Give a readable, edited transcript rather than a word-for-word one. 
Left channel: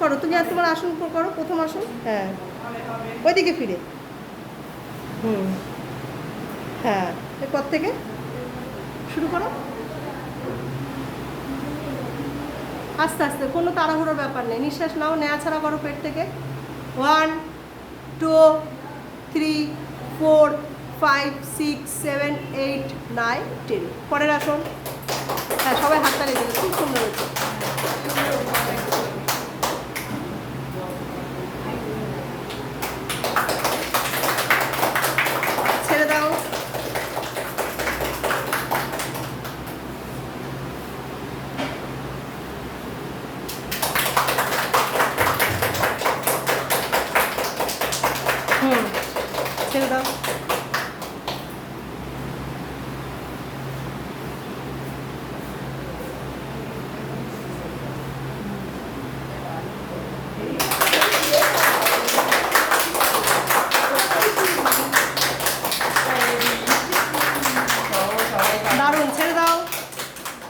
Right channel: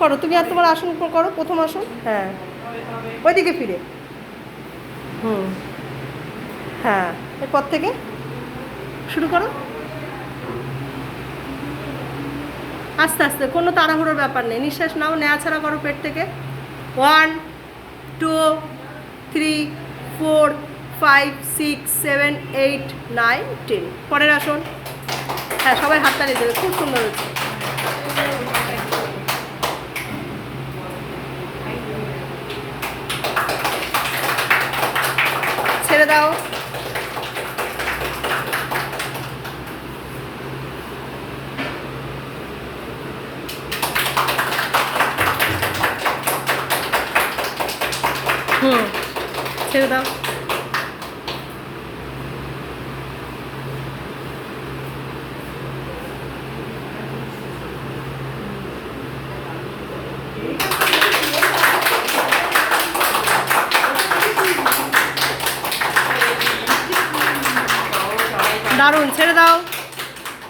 করো তুমি, আর তোমার আসন করো, প্রথম আসন। হ্যাঁ, ওইদিকে ফিরে। হুম, হ্যাঁ, এরপর থেকে শুরু করো। আস্তে আস্তে, কোনো তাড়াহুড়োর ব্যাপার নেই। নিঃশ্বাস নাও, নেওয়া ছাড়া করো পেট থেকে। 1 2 3 4 5 6 7 8 9 10। পরের আসন। হ্যাঁ, সবাই হাততালি দেবে, খুব সুন্দর হচ্ছে। ছেড়ে দাও। হুম, ছেড়ে দাও। দারুণ, ছেড়ে দাও।